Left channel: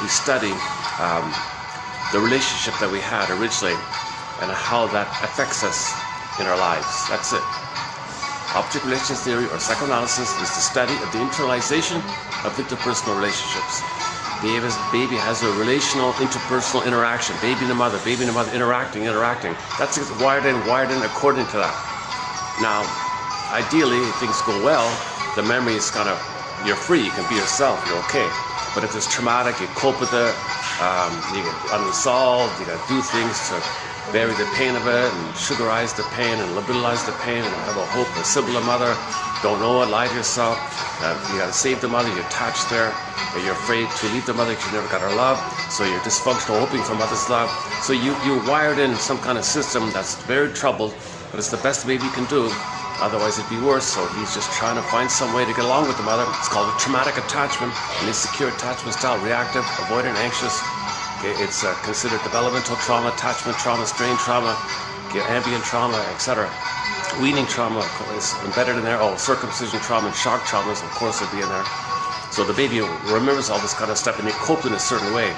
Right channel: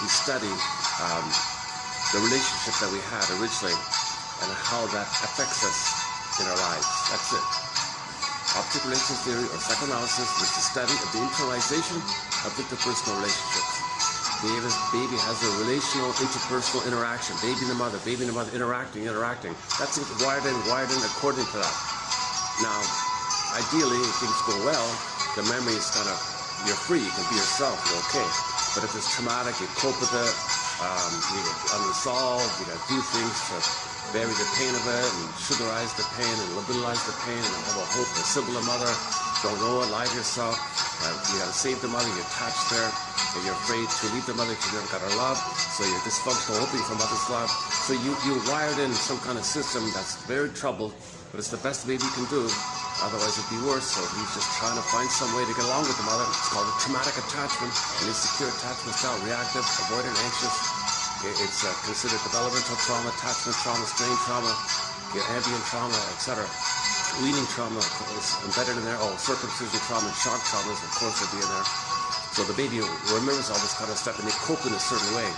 we study the relationship that we had originally and how that affects us in our lives. That's it. Object relations theory or psychoanalysis is the study of the internalization of interpersonal relationships. Baby has a relational interpersonal interaction. Baby and the mother interacting. That's wired in according to that. Now, ideally, if things go well, the memory is you're free, you can be yourself, you're okay. But if it's traumatic, you cope with it, you go unresolved, you gotta do things to bury the pain of it and sugarize the pain and liberalize the pain and have a hope, a symbol of mother, don't know it, lie to yourself, you gotta save the mother, you're attached there, but you're afraid to leave the mother because you never got her love, so you're dysfunctional, hoping for mother's love. So you wired in some kind of system that's very troubled, but it's the best baby you can do. Otherwise it'd be worse, so he's just trying to find some way to get along with the mother. It's called a traumatic attachment, an insecure attachment style, reactive, avoidant, anxious. It's considered developmental trauma, attachment trauma, strain trauma, ambient trauma, etc. Weaning trauma is embedded in there. Oh, circumcision trauma and shock traumas, of course, would be in there. So the baby remembers all this kind of stuff and they cope in a certain way.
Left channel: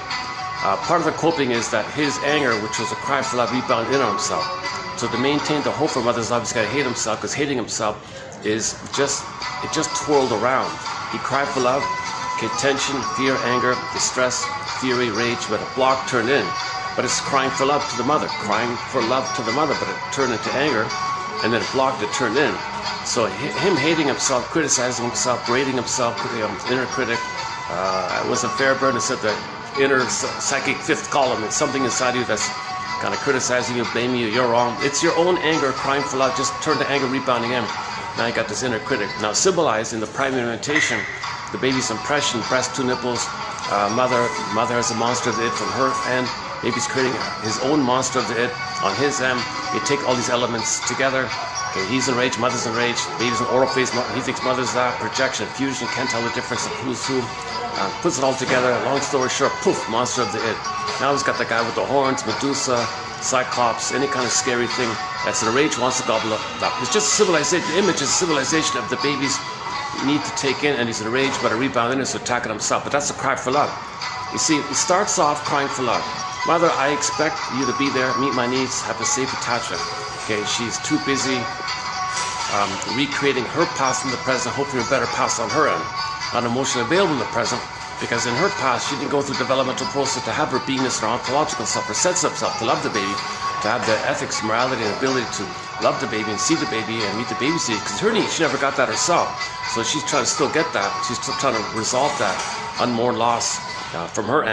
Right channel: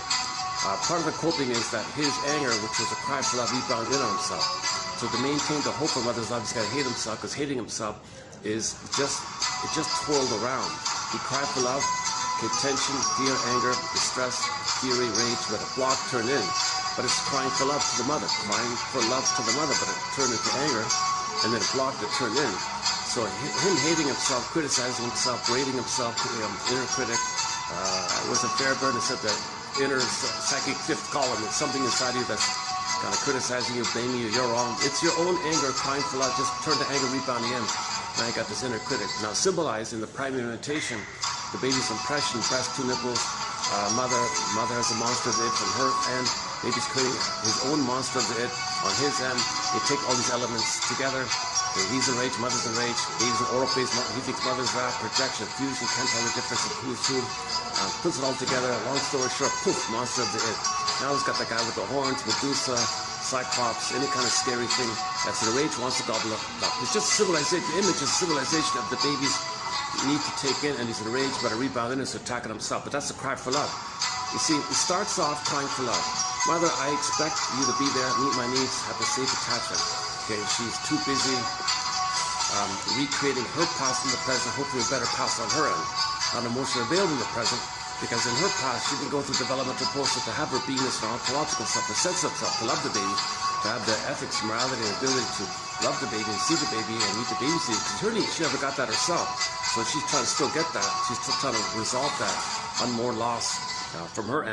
Part of the coping is that his anger, which was a cry for love, rebound in on himself. So to maintain the hope for mother's love, he's got to hate himself, because hating himself is just twirled around. He cried for love, okay, tension, fear, anger, distress, fury, rage, but a block turned in. But it's crying for love to the mother, crying for love to the mother, but it turned into anger, and then it blocked, it turned in. So him hating himself, criticizing himself, berating himself, inner critic, was a Fairburn who said that inner psychic fifth column, it's something inside you that's kind of criticizing you, blaming you, you're wrong. It's your own anger crying for love, just turn to anger, rebounding in. Now you got this inner critic. Now symbolized in the primary orientation, the baby's impression, breast, two nipples, mother has a monster of the id from her end, baby's creating his own monster of the id on his end. You take all these elements together, okay, he's enraged, mother's enraged, baby's in oral phase, he thinks mother's that, projection, fusion, can't tell the difference of who's who, puts it all together, long story short, poof, monster of the id. Now he's got the guy with the horns, Medusa, Cyclops, any kind of scary thing that's enraged, wants to gobble up. It's just civilization. The image is civilization of the baby's need to take in, and he's enraged, but a rebound in it, so attacking himself. But that's a cry for love. You see, it starts off crying for love. Mother, I expect you to be there, meet my needs, have a safe attachment. Okay, she's too busy recreating her past in the present, hoping for a better past on her end. Not emotionally available in the present, because in her past, she didn't go through the developmental process to have her beingness, her ontological self, her sense of self, to love the baby, to have the ethics, morality, and ability to love the baby and see the baby and meet the baby's needs. Because her needs, she never got that herself. So she's trying to still get that. She's still trying to resolve that unmourned loss from her end.